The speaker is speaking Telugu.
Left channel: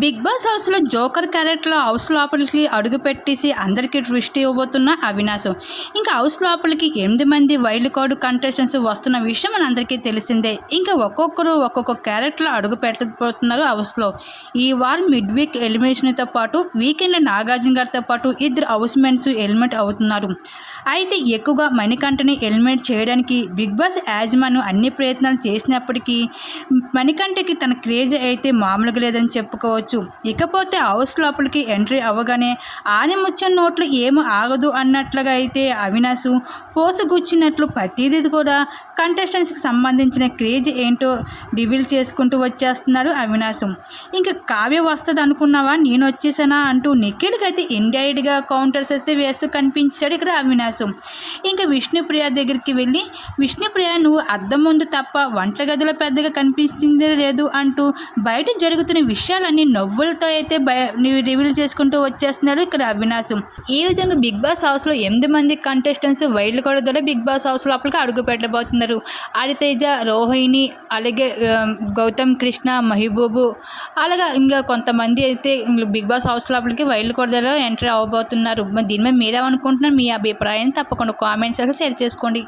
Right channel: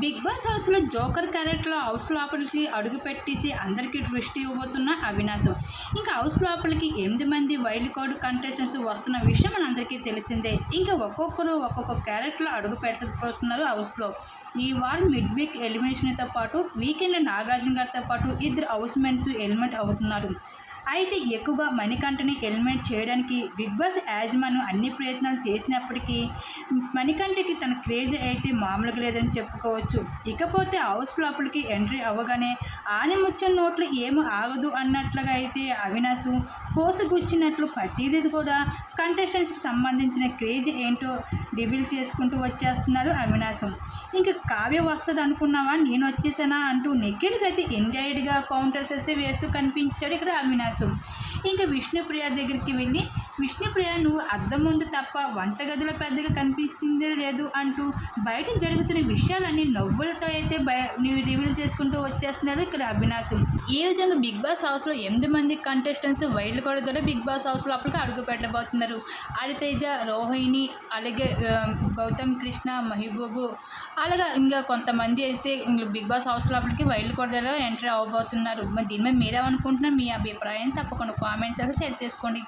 బిగ్ బాస్ హౌస్లో జోకర్ క్యారెక్టర్ హౌస్ లోపలికి అడుగు పెట్టేసి అందరికీ ట్విస్ట్ ఇవ్వబోతున్న అవినాశం. ఇంకా హౌస్ లోపలికి 8 మంది వైల్డ్ కార్డు కంటెస్టెంట్స్ వస్తున్న విషయం మనందరికీ తెలిసిందే. ఇంకా ఒక్కొక్కరు ఒక్కొక్క క్యారెక్టర్ అడుగు పెట్టబోతున్నారు హౌస్లో. ఈ వారం మిడ్ వీక్ ఎలిమినేషన్తో పాటు వీకెండ్ నాగార్జున గారితో పాటు 2 హౌస్ మెంట్స్ ఎలిమినేట్ అవుతున్నారు. అయితే ఎక్కువగా మణికంఠని ఎలిమినేట్ చేయడానికి బిగ్ బాస్ యాజమాన్యం అన్ని ప్రయత్నాలు చేసినప్పటికీ మణికంఠకి తన క్రేజ్ అయితే మామూలుగా లేదని చెప్పుకోవచ్చు. ఇకపోతే హౌస్ లోపలికి ఎంట్రీ అవ్వగానే ఆనిముత్యం నోట్లు ఏమి ఆగదు అన్నట్లుగా అయితే అవినాశ్ పోసగుచ్చినట్లు ప్రతిదీ కూడా కంటెస్టెంట్స్కి సంబంధించిన క్రేజ్ ఏంటో రివీల్ చేసుకుంటూ వచ్చేస్తున్నారు అవినాశ్. ఇంకా కావ్య వస్తుంది అనుకున్నావా, నేను వచ్చేసానా అంటూ నిఖిల్కి అయితే ఇండైరెక్ట్గా కౌంటర్స్ అయితే వేస్తూ కనిపించాడు ఇక్కడ అవినాశ్. ఇంకా విష్ణుప్రియ దగ్గరికి వెళ్ళి, విష్ణుప్రియ నువ్వు అద్దం ముందు తప్ప వంటగదిలో పెద్దగా కనిపించిందే లేదు అంటూ బయట జరుగుతున్న విషయాలన్నీ నవ్వులతో అయితే రివీల్ చేసుకుంటూ వచ్చేస్తున్నాడు ఇక్కడ అవినాశ్. ఈ విధంగా బిగ్ బాస్ హౌస్లో 8 మంది కంటెస్టెంట్స్ వైల్డ్ కార్డ్ ద్వారా బిగ్ బాస్ హౌస్ లోపలికి అడుగు పెట్టబోతున్నారు. ఆదితేజ, రోహిణి, అలాగే గౌతమ్ కృష్ణ, మహిబూబు, అలాగే ఇంకా కొంతమంది అయితే బిగ్ బాస్ హౌస్ లోపలికి వైల్డ్ కార్డ్ ద్వారా ఎంట్రీ అవ్వబోతున్నారు. మరి దీని మీద మీరేమనుకుంటున్నారు? మీ అభిప్రాయం తప్పకుండా కామెంట్స్ షేర్ చేసుకోండి.